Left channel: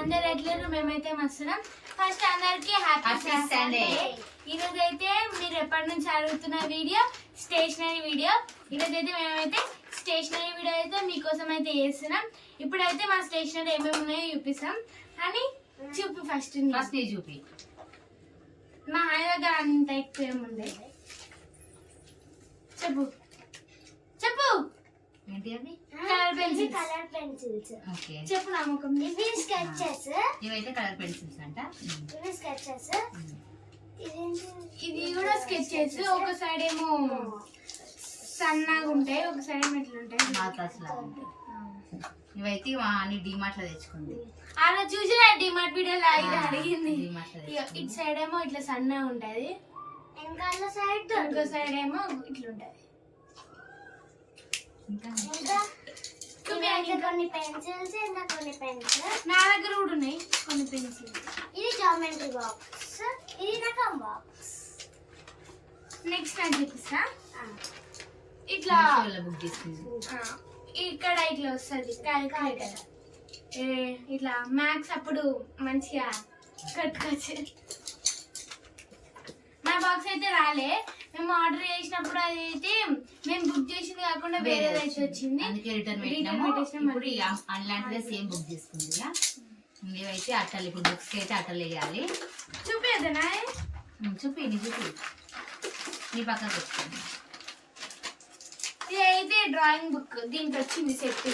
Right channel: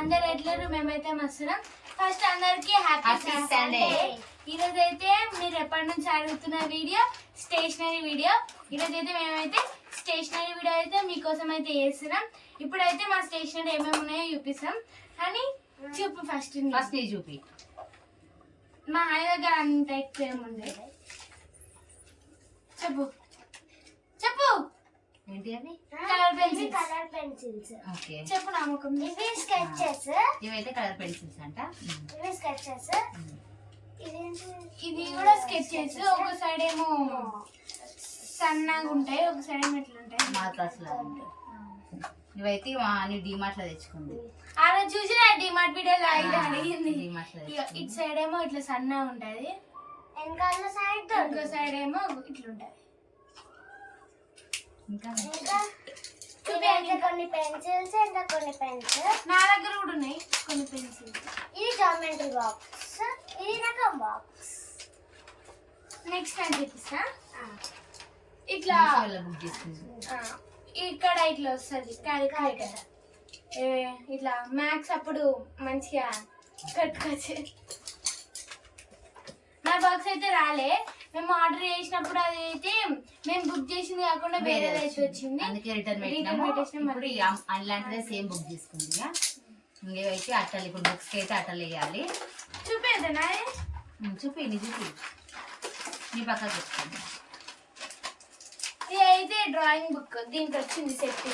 అందరు ఎట్లేరు? మేమైతే మస్తున్నాం ఫస్ట్ అందరికి హ్యాపీ Happy Sunday. ఈ రోజు అయితే మీరు ఎప్పటి నుంచి అడుగుతున్న వీడియో? స్టేషనరీ వీడియో ఈ రోజు అయితే మేమైతే స్టేషనరీ వీడియో అయితే మీకోసం అయితే చేస్తున్నాం. ఇప్పుడైతే మా స్టేషనరీ ఏమేమి ఉన్నాయో చూపిస్తాం. కానీ చూపి ఫస్ట్ ఫస్ట్ చూపి. మా హాయ్ దగ్గర అంత ఎక్కువ ఏముంది చెప్పు. చెప్పు. ఏంటి అవి colour pencils colour pencils okay. చెప్పు నా ముఖం. ఇవి స్కెచెస్ ఇవైతే కలర్ పెన్సిల్స్ అంట. ఇవి స్కెచెస్ ఇది కూడా స్కెచ్ చేసి ఒక సైడ్ ఏమో సన్నగా ఉంటాయి ఒక సైడ్ ఏమో ఇట్లా ఉంటాయి. లాగా ఉంటాయి. ఇవైతే మా అన్ని డిమార్ట్లో తెచ్చుకుంది. ఆ రోజు చూసిన డిమార్ట్ వీడియోలో ఇది అడిగింది. ఇటు సైడ్ ఏమో ఇట్లా సన్నగా ఉంటది. వెనకాల సైడ్ ఇంకో సైడ్ ఏమో ఇట్లా ఉంటది. ఇంకా? అయితే కొన్ని పెన్సిల్స్ ఇంకా కొన్ని పెన్స్ నా దగ్గర కూడా ఉన్నాయి కొన్ని పెన్సిల్స్. ఇది జామెట్రీ బాక్స్ ఇది రకం బాక్స్. నెక్స్ట్ టైం చూపిస్తా ఇట్లా బుక్ చేసుకుంది. ఇక్కడ ఇట్లా వస్తుంది. క్యాలిక్యులేటర్ ఇట్లా మ్యాథ్స్ అప్పుడు మంచిగా కట్టుకోవచ్చు నా బాక్స్ అయితే రాలే. మేము ఆర్డర్ చేసినప్పుడు అది అయితే మేము బుక్ చేసింది కాకుండా వేరేది అయితే వచ్చింది. అందుకే రిటర్న్ పెట్టినాము. ఇప్పుడు అలాంటిదే సేమ్ బుక్ చేసుకుంది ఇక. ఇవైతే అట్టలు ఇప్పుడు బుక్స్కి అయితే అట్టలు వేయాలి. చూపేదనా చూపి నీ చూపి. నీ పక్కకు పెట్టుకోండి ఇది అయితే డ్రాయింగ్ బుక్ దీనికి వచ్చింది సెట్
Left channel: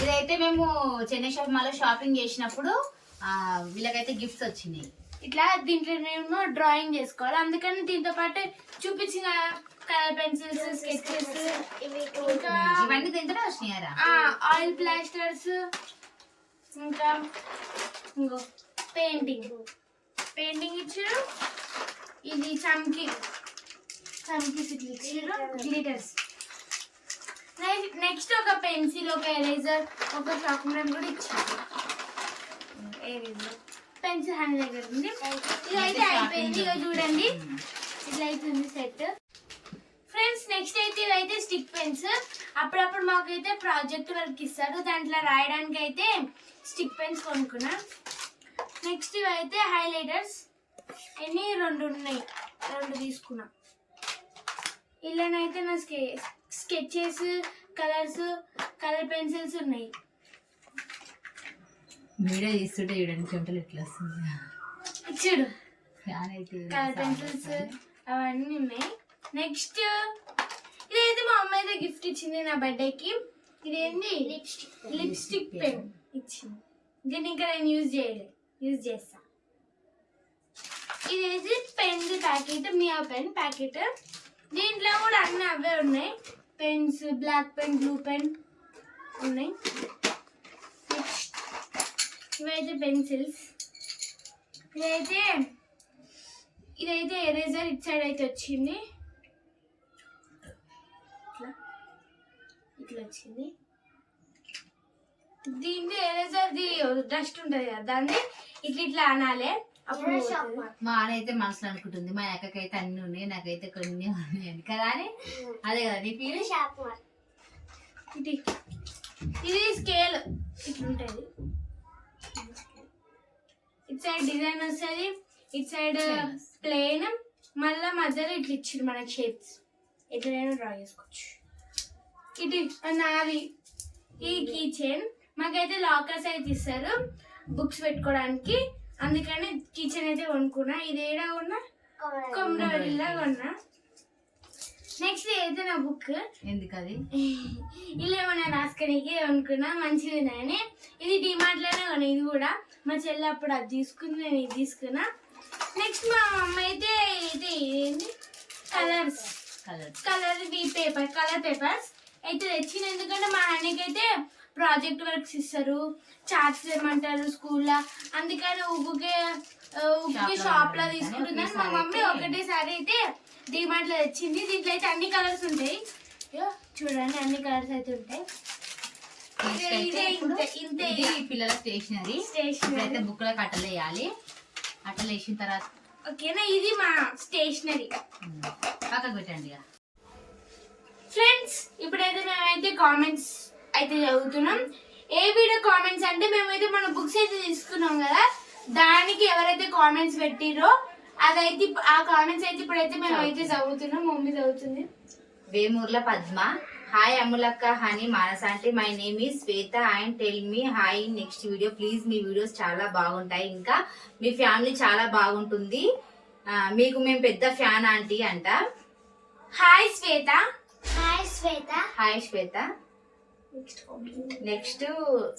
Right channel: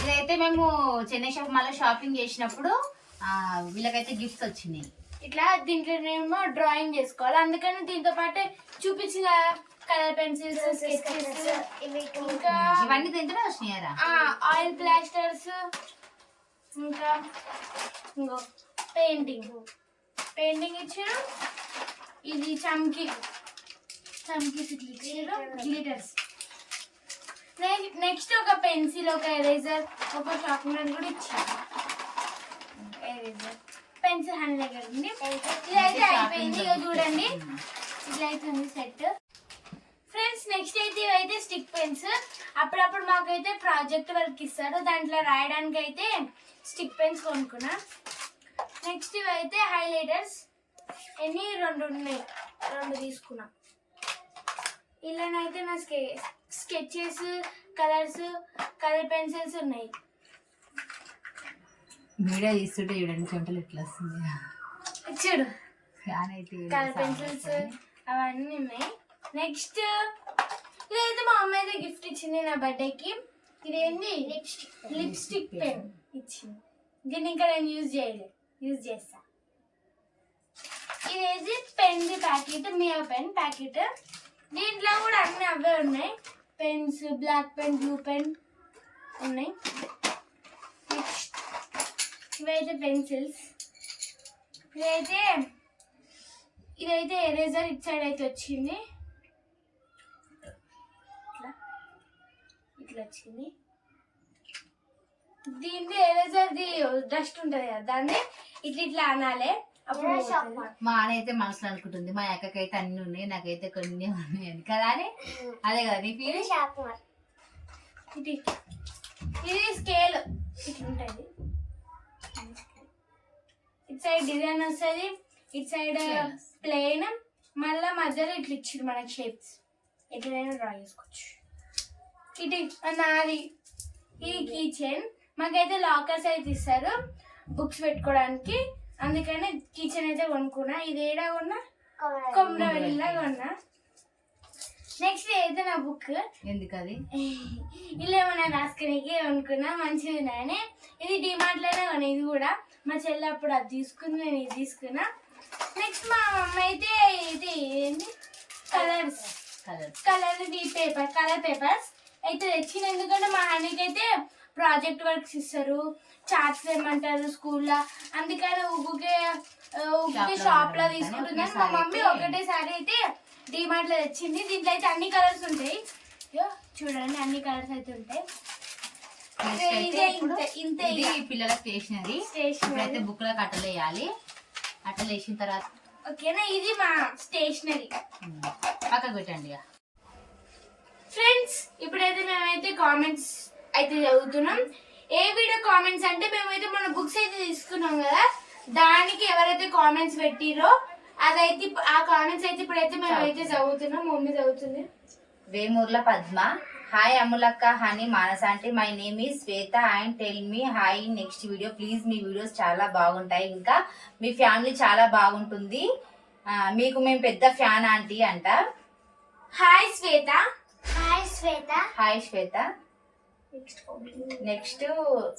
ఇదైతే మేము చెన్నై షాప్ మళ్ళీ షాపింగ్ చేసినప్పుడు వీళ్ళకైతే గిఫ్ట్స్ వచ్చినాయి. ఇట్లా దీంట్లో మేము డ్రాయింగ్ చేసుకోవాలి. అందుకని దీంతో పాటు చూపించిన కలర్ పెన్సిల్స్ స్కెచెస్ ఇవి ఇంకా ఇవన్నీ దీంట్లోనే వచ్చినాయరా ఆయిల్ ప్లాస్టర్స్ ఇంకా ఇంకో పెయింటింగ్ పెయింటింగ్ ఇచ్చారు. ఇది చమ్కి చమ్కీస్ ఇట్లా ఇచ్చారు గ్లిటర్స్ నెక్స్ట్ ఒక పెన్సిల్ ఒక ఎరేజర్ ఒక చాక్లెట్ కూడా ఇచ్చారు. ఎరేజర్ పెన్సిల్ హ్యాండ్ దగ్గర ఉంది. ఇదైతే అయిపోయింది. ఇక చూడండి. ఇట్లా అవుతుంది సెట్. ఫ్రెండ్స్ నెక్స్ట్ అయితే ఇవైతే స్టిక్ పెన్స్ అప్పుడప్పుడు మాకైతే ప్రాజెక్ట్ వర్క్ ఇస్తారు. దాంట్లో రాయడానికి అయితే స్టిక్ పెన్స్ కొనుక్కున్నా. నెక్స్ట్ ఇవైతే హైలైటర్స్. ఎన్ని? రెండు ఉన్నాయి. రెండు తీసుకున్నా. ఇలానైతే నా స్కె స్కెచెస్ కలర్స్ కలర్ పెన్సిల్స్ ఉన్నాయి. వీడియో తీస్తుంటే చూడండి చెమటలు ఎట్లా వస్తుంది చూడు. ఫ్యాన్ అయితే కలర్ పెన్సిల్స్ అవన్నీ ఉన్నాయి. నెక్స్ట్ ఇదైతే మా అమ్మ అయితే గిఫ్ట్ ఇచ్చింది నా బర్త్డేకి లిప్స్టిక్ లిప్స్టిక్ పెన్ ఇచ్చింది. దీన్ని ఇంకా నేను యూజ్ చేయలేదు యూజ్ చేస్తా. ఇదేది? పెన్ ప్యాకెట్ మియా పెన్ ప్యాకెట్. దీంట్లో కూడా అన్ని అవే ఉన్నాయి. Pens black pen blue pen ఉన్నాయి. నెక్స్ట్ ఇవైతే పెన్సిల్స్. ఇదైతే ఇదైతే ఎరేజర్ ఇట్ సైడ్ అయితే వచ్చింది. ఇట్లా ఇట్లా వచ్చింది. దీన్ని ఎరేజర్ది డస్ట్ ఉంటుంది కదా దాన్ని ఇట్లా ఇట్లా అనాలి. మా అయితే మనసులో అనుకుంటుంది మా అక్కకైతే అన్ని ఉన్నాయి నాకైతే కొన్ని ఉన్నాయి కదా అని? అదే కదా నీ షార్ప్నర్ ఇది ఇది స్కేల్ ఇట్లా ఉంటుంది ఇటు సైడ్ డిజైన్ వస్తుంది ఇటు సైడ్. ప్లేన్ మళ్ళీ మధ్యలో ఇట్లా ఇచ్చారు మనకి షేప్స్ ఎట్లైనా డ్రా చేసుకోవచ్చు. ఇది నాది ఈ కీ చైన్ మాకైతే లాకర్స్ అయితే ఇస్తారు బుక్స్ పెట్టుకోవడానికి అందుకని కిచెన్ అయితే కొనుక్కున్నా. ఇది ఏడా కొన్నా? కొమ్మరవెల్లిలా కొన్నా. నెక్స్ట్ అయితే నా బుక్ ఎందుకు అది ఇలా ఏమన్నా రాసుకునేకి అనుకున్నా మంచిగా ఉన్నాయని ఇది డిమార్ట్లోనే కొన్నా ఇది కూడా. మా చెల్లి అప్పుడు అది తీసుకుంది నేను ఇది తీసుకున్నా. నెక్స్ట్ మా అమ్మ అయితే ఇది ఏంటి కలర్స్ కలర్ కలర్ బీ పేపర్ కలర్ పేపర్స్ అయితే తెచ్చిన ఎందుకంటే మా హనీకి అయితే ప్రాజెక్ట్ వర్క్స్ ఇస్తారు. చార్ట్స్ ఏమంటారు స్కూల్లో. అందుకని ఊకే ఊకే Shop లో షాప్లో ఉండడానికి తీసుకుంటుందని మా మమ్మీ ఒకటేసారి అయితే డిమార్ట్లో తెచ్చింది. దీంట్లో అయితే అన్ని కలర్స్ ఉంటాయి. చూడండి అన్ని కలర్స్ అయితే ఉంటాయి. ఇదే. పిల్లల స్టేషనరీ. ఇప్పుడైతే బుక్లకు అట్టలు వేయాలి. అట్టలు వేసిన తర్వాత ఓకేనా? ఇది మా స్టేషనరీ. పక్కకు పెట్టండి ఫ్రెండ్స్ ఇప్పుడైతే మేమైతే కామెంట్స్ అయితే చదువుతున్నాం. ఏ వీడియో కామెంట్స్ అంటే మేమైతే మన బుక్స్ అయితే తీసుకున్నాం కదా. దానికి ఎవరైతే కామెంట్స్ పెట్టిరో అదైతే ఆ కామెంట్స్ అయితే ఇప్పుడైతే మేమైతే చదువుతున్నాం. మమ్మీ చదువుతుంది. వేమూర్ల పద్మ. హాయ్ అమ్ములక్క హనీ మానస అంటే my name is Shweta and tell me hi next video please me videos చాలా బాగుంటాయి. ఇంకా మీ ఫ్యామిలీ చాలా బాగుంటుంది. మీకు మేము పెద్ద ఫ్యాన్ ఆంటీ అంట. Hi Shweta hi Shweta hi Shweta next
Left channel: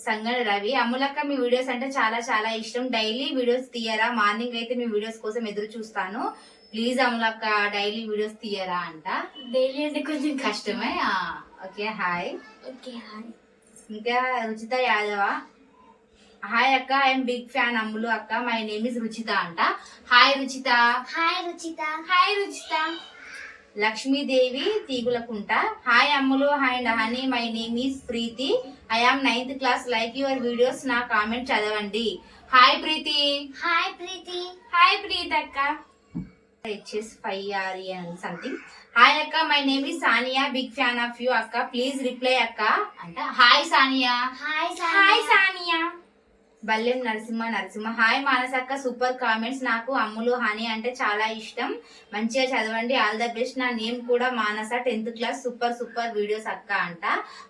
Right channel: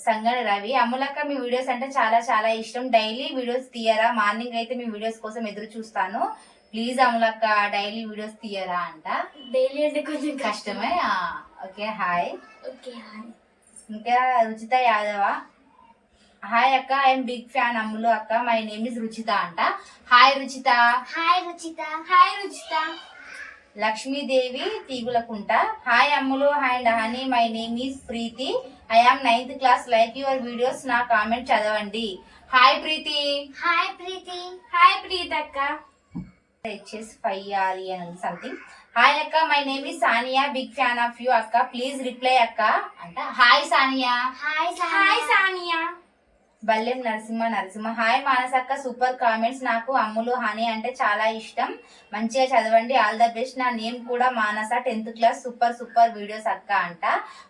Sangana Ravi. అమ్ములక్క మీ వీడియోస్ అంటే చాలా చాలా ఇష్టం. డైలీ వీడియోస్ తీయరా? మార్నింగ్ అయితే మీ వీడియోస్ కోసం ఎదురు చూస్తాను. ప్లీజ్ అమ్ములక్క డైలీ వీడియోస్ తీయరా అంట. డైలీ అంటే కొంచెం కష్టమే? Okay hi. Okay hi. ఇంకా రుచిత యాదవ. హాయ్ అక్క ఐఎమ్ బిగ్ ఫ్యాన్ అమ్ములు అక్క. మై నేమ్ ఇస్ రుచిత అంట. Hi Ruchitha. Hi Ruchitha. Hi Ruchitha. Lakshmidevi Thigulakunta. Hi Ammulu and Honey my name is Preethi. I am ninth class like your videos నా comment చదవండి. Hi Preethi. Hi Preethi. Hi ప్రీతక్క. HS five R అని something hi అక్క my name is Sania big fan of you అక్క. Please reply అక్క. అంట hi Sania hi hi Sania Ballem Narasimha Narasimha. Hi మానసక్క super comments నాకు Ammulu Honey అంటే చాలా ఇష్టం. మంచిగా చదవండి ఆల్ ద బెస్ట్ నా నేమ్ కూడా Manasa tenth class super super videos అక్క అంట.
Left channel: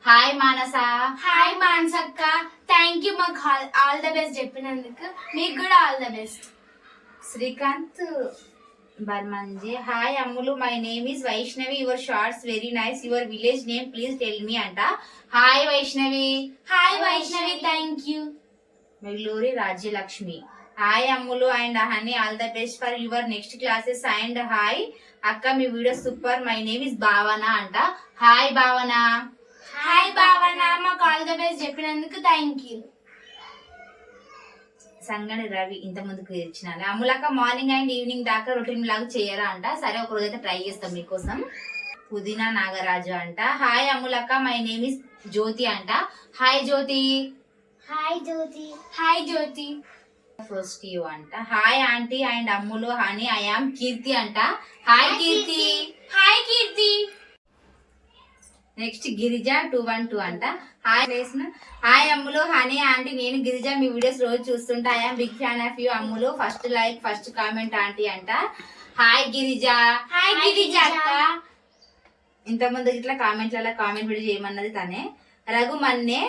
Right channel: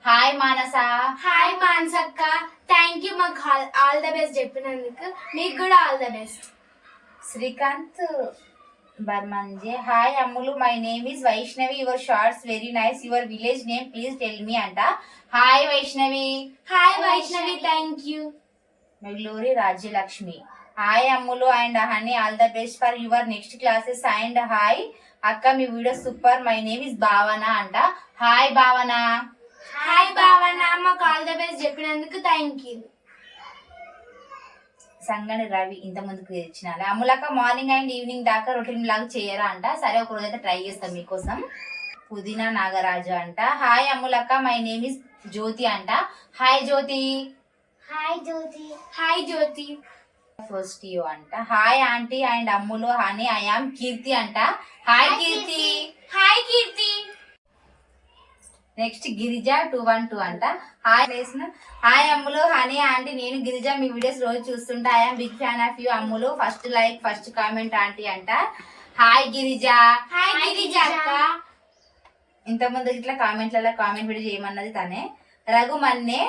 హాయ్ మానస. హాయ్ మాన్సక్క థ్యాంక్ యూ మాకు ఆల్ ద బెస్ట్ చెప్పినందుకు. మీకు కూడా all the best Srikanth. బర్మంజే hi Ammulu my name is Vaishnavi your shorts very nice your village name please tell me అంట hi Vaishnavi hi Vaishnavi thank you Megluri Rajyalakshmi hi Ammulu and Honey all the best for your next classes and hi అక్క మీ video super my name is Bhavana అంట hi Bhavana hi Bhavana మాకు all the best చెప్పినందుకు thank you Sangani Ravi ఇంత ముందుకు ఇచ్చిన అమ్ములక్క morning and evening దాకా routine లాగా చేయరా అంట. సరే ఒక రోజు అయితే ట్రై చేస్తాం మీకోసం. పుదీనా నాగరాజు అంట. హాయ్ అమ్ములక్క మై నేమ్ ఇస్ జ్యోతి అంట. Hi Jyothi. Hi Jyothi. Hi Jyothi. First you అంట. Hi aunty and Ammulu Honey I am Keerthi అంట. Hi Keerthi. Hi Keerthi. Next Girija two one two అంట. హాయ్ వేసిన hi Ammulu Honey aunty. నేను గిరిజ మీ videos రోజు చూస్తుంటా. I'm big fan of you Ammulu. First like first comment aunty అంట. Hi Girija. Hi Girija. అక్క. ఇంతకుముందు ఇట్లా కామెంట్లలో కామెంట్ వీడియో చేయమన్నది తనే. రఘు మన్నే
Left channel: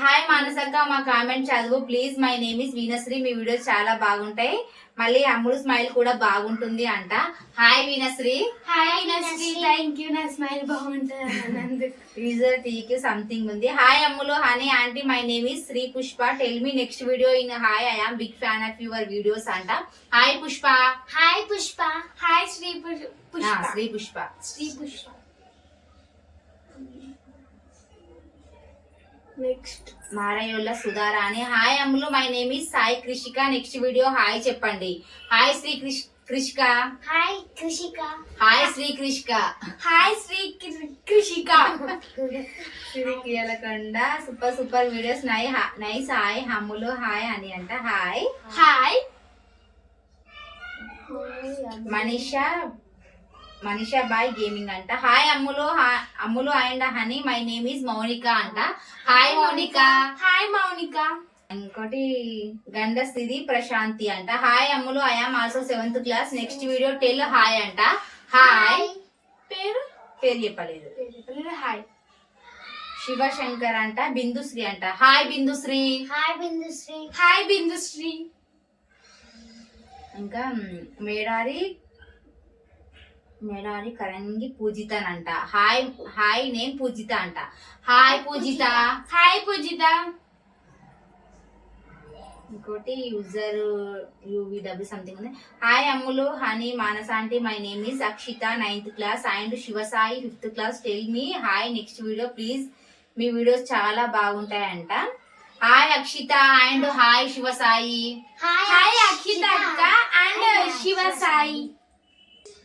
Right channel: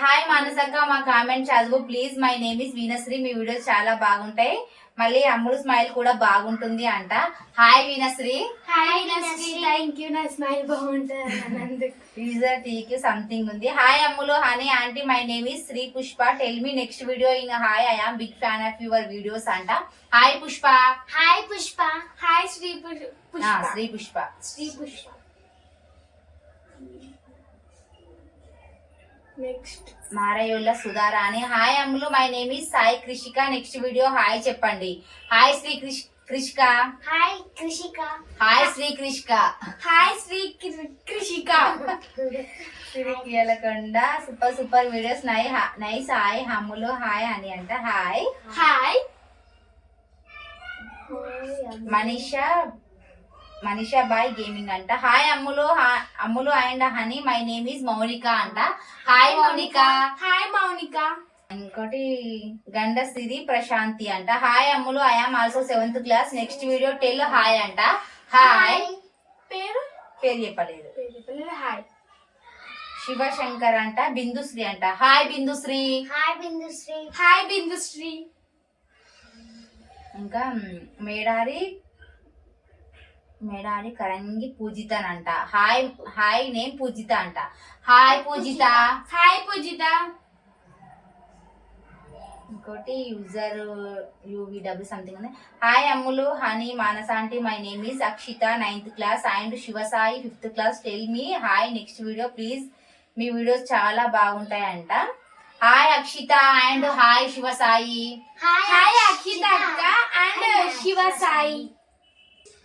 హాయ్ మానసక్క మా కామెంట్ చదువు. Please my name is Veenasri me videos చాలా బాగుంటాయి. మళ్ళీ అమ్ములు స్మైల్ కూడా బాగుంటుంది అంట. హాయ్ వీనశ్రీ హాయ్ నశ్రీ థ్యాంక్ యూ నా స్మైల్ బాగుంటుంది అన్నందుకు. యూజర్ టీకి సంథింగ్ ఉంది. Hi Ammulu. Honey aunty my name is Sri Pushpa tell me next video in hi I am big fan of your videos అంట. Hi Pushpa hi Pushpa hi Sri Pushpa Sri Pushpa Sri Pushpa next Marayolla Sudharani. Hi Ammulu. My name is Sai Krishika next video hi చెప్పండి. Hi Sri కృష్ Krishika hi Krishika hi Sri Krishika hi Sri Krishika Sri Keelakonda super super videos నై nice hi Ammulu. Hi అని అంట. Hi hi Manisha Manisha boy gaming అంట hi Ammulu. హా- Ammulu and Honey my name is Mounika అంట. Hi Mounika. Hi Mounika. ఇంకోటి గండసిరి ప్రశాంతి అంట. Hi Ammulu. I am also seventh class next video tell hi అంట. Hi పేరు? పేరు చెప్పలేదు. హాయ్ శివశంకర్ అంట. బిందుశ్రీ అంట. Hi Bindusri. Hi Bindusri. Hi Bindusri. ఇంకా మ్, మేడారి మేడారి కరంగి పూజిత అంట హాయ్ హాయ్ నేమ్ పూజిత అంట. హాయ్ పూజిత. హాయ్ పూజిత. ఇంకోటి యూజర్ యూవీడబ్ల్యూ సంథింగ్ ఉంది. Hi Ammulu Honey Manasa aunty my name is Akshitha ninth class and Shivasai fifth class tell me hi next video please me videos చాలా బాగుంటాయంట. Hi Akshitha and hi Shivasai. Hi Akshitha అక్క and Shiva Sai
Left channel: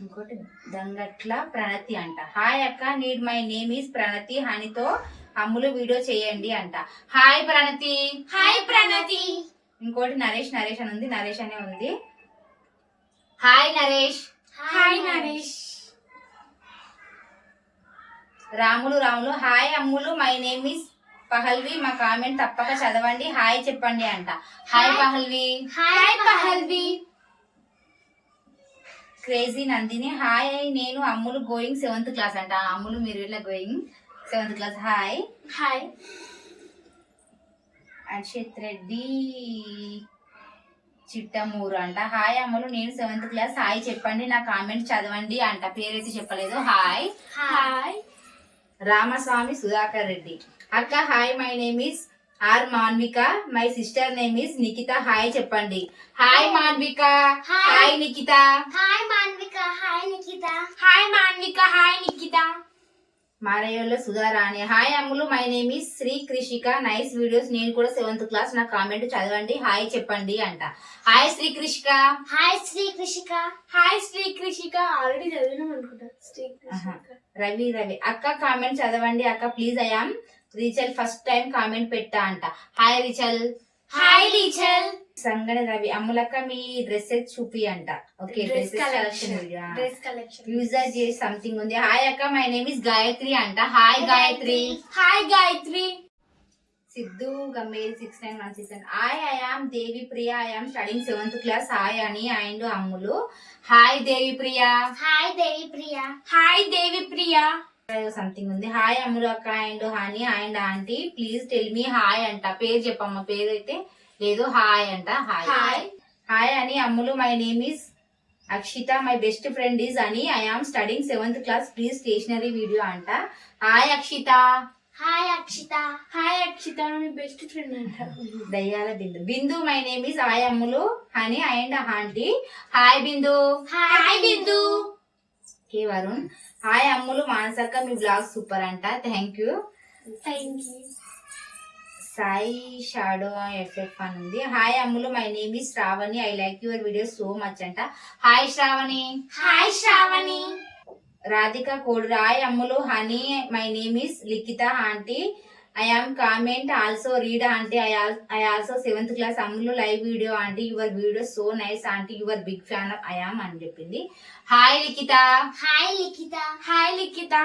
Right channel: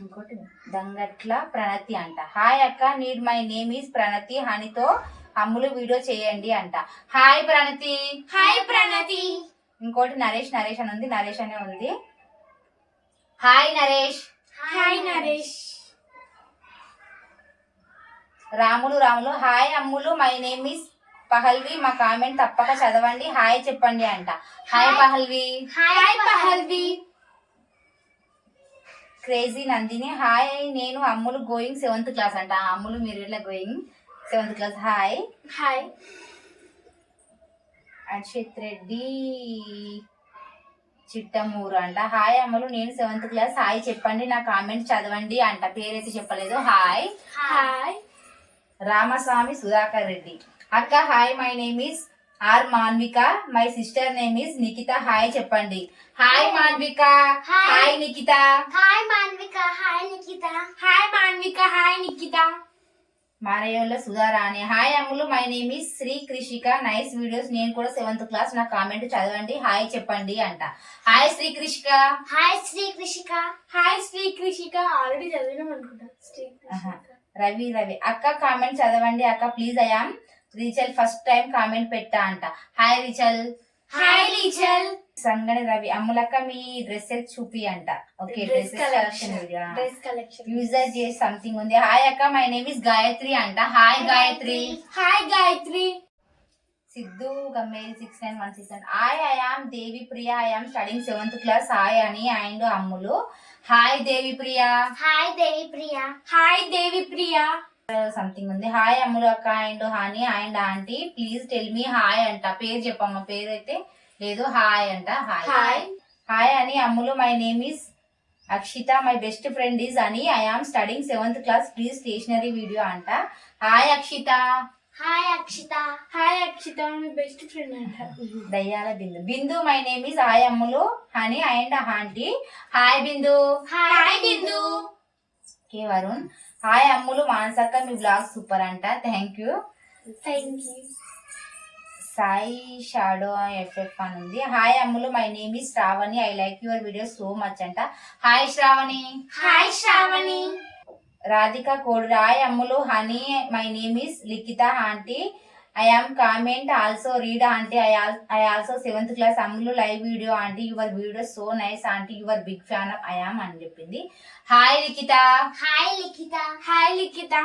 ఇంకోటి దంగట్ల ప్రణతి అంట. Hi అక్క need my name is Pranathi హనితో Ammulu video చేయండి అంట. Hi Pranathi. Hi Pranathi. ఇంకోటి నరేష్ నరేష్ అని ఉంది నరేష్ అనే ఉంది. Hi Naresh. Hi Naresh. Ramulu Ramulu. Hi Ammulu my name is Pahalvi. మా కామెంట్ తప్పక చదవండి. హాయ్ చెప్పండి అంట. Hi. Pahalvi. Hi Pahalvi. Crazy Nandini. Hi నేను అమ్ములు గోయింగ్ సెవెంత్ క్లాస్ అంట. అమ్ములు మీరు ఇట్లా going seventh class. Hi. Hi. Akshith Reddy Chittamuru అంట. హాయ్ అమ్మలు నేను సెవెంత్ క్లాస్. హాయ్ చెప్పండి నా కామెంట్ చదవండి అంట. పేరైతే చెప్పలేదు. హాయ్. హాయ్. రామస్వామి సుధాకర్ రెడ్డి. అక్క hi my name is R Manvika. My sister name is Nikhitha. Hi చెప్పండి. Hi Manvika. Hi Nikhitha. Hi Manvika. Hi Nikhitha. Hi Manvika. Hi Nikhitha. మారయోల్లో Sudharani hi Ammulu. My name is Sri Krishika. Nice videos నేను కూడా seventh class నా comment చదవండి. Hi చెప్పండి అంట. Hi Sri Krishika. Hi Sri Krishika. Hi Sri Krishika. Already చదివినాం అనుకుంటా. రవి రవి. అక్క comment చదవండి. అక్క please I am Rachel first time comment పెట్టా అంట. Hi Rachel. Hi Rachel. Sangada Ravi అమ్ములక్క మీ డ్రెస్సెస్ చూపి అంట. Okay dress dresses collection dress collection user చేసి సంథింగ్ ఉంది. హాయ్ అక్క మై నేమ్ ఇస్ గాయత్రి అంట. Hi Gayathri hi Gayathri Siddhu Gammeri six nine one six nine hi I am Devi Priya I am studying seventh class hi అని and Ammulu hi Devi Priya hi Devi Priya hi Devi Priya something ఉంది. Hi Ammulu అక్క and Honey and aunty please tell me hi అంట. పేరు చెప్పమ్మ పేరు అయితే లేదు hi అంట. హాయ్ హాయ్ హాయ్ అని Ammulu my name is Akshitha my best friend is అని I am studying seventh class please stationery video అంట. Hi Akshitha hi Akshitha hi Akshitha మీ బెస్ట్ ఫ్రెండ్ అంట. Dayyala Bindu. Bindu my name is hi Ammulu Honey and aunty hi Bindu. Hi Bindu. K Varun hi Ammulu మానసక్క మీ blog super అంట. Thank you thank you Sai shadow FF అని ఉంది. Hi Ammulu my name is Shravani I like your video so much అంట. Hi Shravani hi Shravani Radhika code hi Ammulu Honey my name is Likhitha aunty I am comment also read aunty I I also seventh class Ammulu live video aunty your video so nice aunty your big fan of I am అని చెప్పింది. Hi Likhitha hi Likhitha hi Likhitha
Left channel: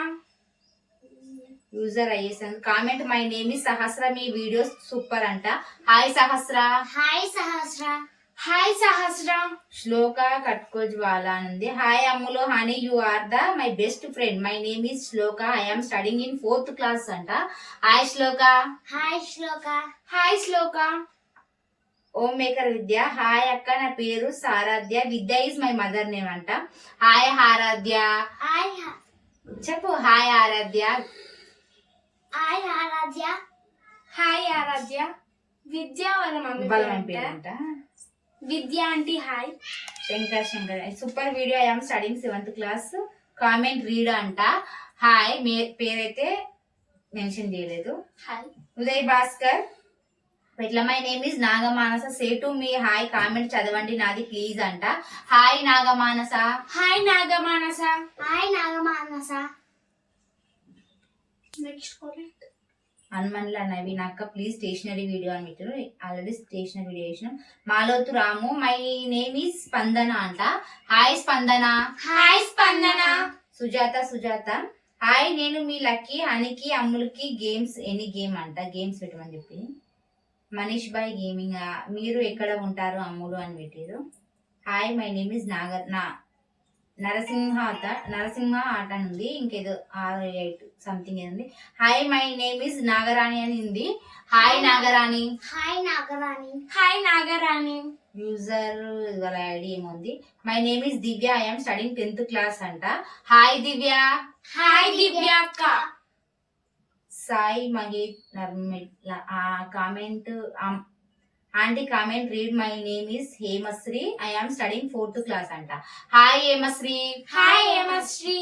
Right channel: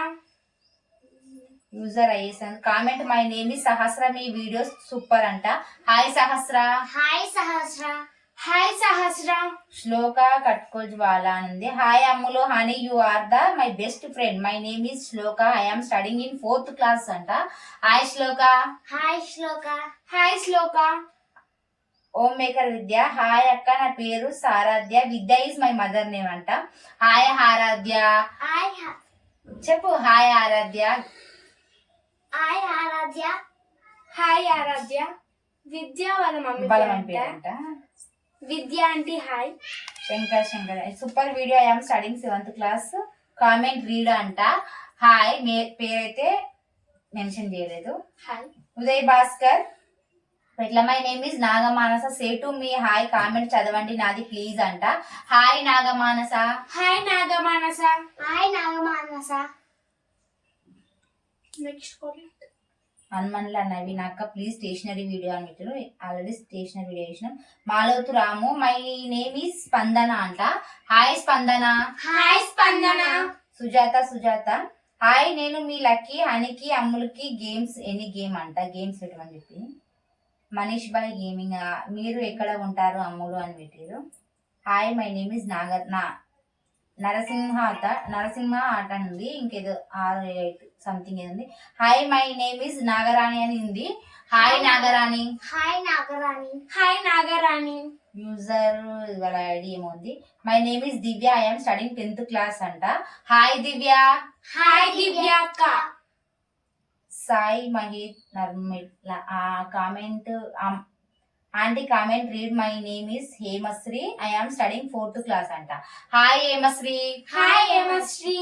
user అయ్యేసాను comment my name is Sahasra me videos super అంట. Hi Sahasra hi Sahasra hi Sahasra. Shloka కట్కో Jwala అని ఉంది hi అమ్ములో Honey you are the my best friend. My name is Shloka. I am studying in fourth class అంట. Hi Shloka. Hi Shloka. Hi Shloka. Om maker Vidya. Hi అక్క నా పేరు Saradhya. Vidya is my mother name అంట. Hi Aaradhya. Hi చెప్పు. Hi Aaradhya. Hi Aaradhya. Hi Aaradhya. Vidya వాళ్ళ mummy అంట. అంట Vidya aunty hi. Shankar Shankar. Super video I am studying seventh class. Comment read అంట. Hi. మే పేరైతే mention చేయలేదు. Hi. Uday Bhaskar. ఇట్లా my name is Nagamanasa. Say to me hi comment చదవండి నాది ప్లీజ్ అంట. Hi Nagamanasa. Hi Nagamanasa. Hi Nagamanasa. Next Hanumanla Naveen అక్క please stationery video అని పెట్టారు ఆల్రెడీ స్టేషనరీ వీడియో చేసినాం. Malothu Ramu my name is Spandana అంట. Hi స్పందన hi స్పందన సుజాత సుజాత. హాయ్ నేను మీ లక్కీ హనికి అమ్ములకి గేమ్స్ ఎనీ గేమ్ అంట. గేమ్స్ పెట్టమని చెప్పి. మనీష్ బాయ్ గేమింగ్ మీరు ఎక్కడ ఉంటారు అమ్ములు అని పెట్టారు hi my name is Nagar నా నరసింహ నరసింహ ఆట అని ఉంది ఇంకేదో ఆరు ఎయిట్ సంథింగ్ ఏదో ఉంది. Hi my name is Nagarani అని ఉంది. Hi Nagarani. Hi Nagarani. Hi Nagarani. User వాళ్ళ ఐడి ఏముంది my name is Divya I'm studying tenth class అంట. హాయ్ దివ్య హాయ్ దివ్య అక్క. సాయి మహేష్ నర్మిట్ల ఆ comment aunty comment read my name is Hemasri I am studying fourth class అంట hi Hemasri hi Hemasri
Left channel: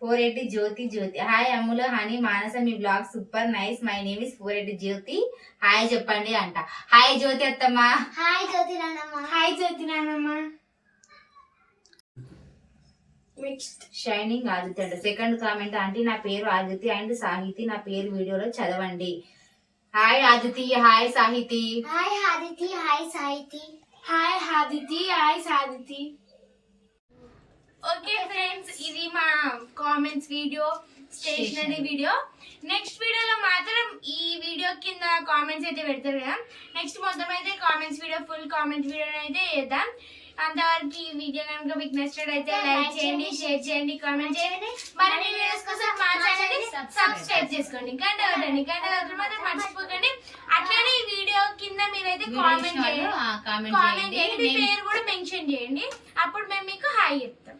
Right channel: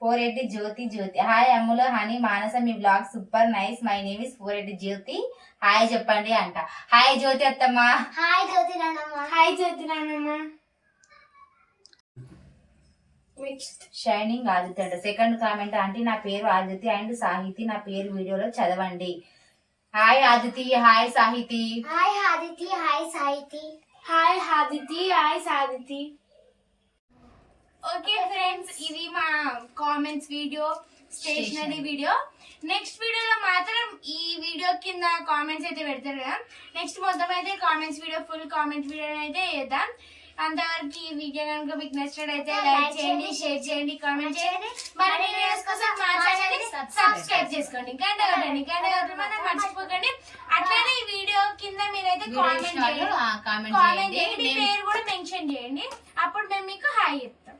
ఫోరెడ్డి Jyothi Jyothi hi Ammulu honey Manasa me blog super nice my name is ఫోరెడ్డి Jyothi hi చెప్పండి అంట hi జ్యోతి అత్తమ్మ hi జ్యోతి నాన్నమ్మ hi జ్యోతి నాన్నమ్మ నెక్స్ట్ షైనింగ్ ఆదిత్య అంట సెకండ్ కామెంట్ ఆంటీ నా పేరు ఆదిత్య అండ్ సాహితి నా పేరు వీడియోలో చదవండి. Hi Aditi hi Sahiti hi Aditi hi Sahiti hi Aditi hi Sahiti okay friends ఇది మా comments video stationery. Video next వీడియోలో మాత్రం ఈ వీడియో కింద కామెంట్స్ అయితే పెడతారు కదా. నెక్స్ట్ మొత్తం అయితే comments video full comments video అయితే చేద్దాం అంతవరకు ఈ వీడియో కనుక మీకు నచ్చినట్లయితే లైక్ చేయండి షేర్ చేయండి కామెంట్ చేయండి. మరి వీడియోస్ కోసం మా ఛానల్ సబ్స్క్రైబ్ చేసుకోండి. గంట కొట్టండి గంట కొట్టడం మాత్రం మర్చిపోకండి. అట్లానే ఈ వీడియో కింద మీరైతే కామెంట్ చేయండి. కామెంట్ చేయండి. మీ పేరు కూడా మెన్షన్ చేయండి. అప్పుడు మేము మీకు హాయ్ చెప్తాం.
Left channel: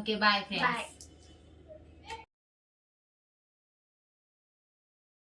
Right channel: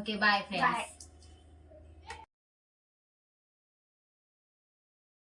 Okay bye friends bye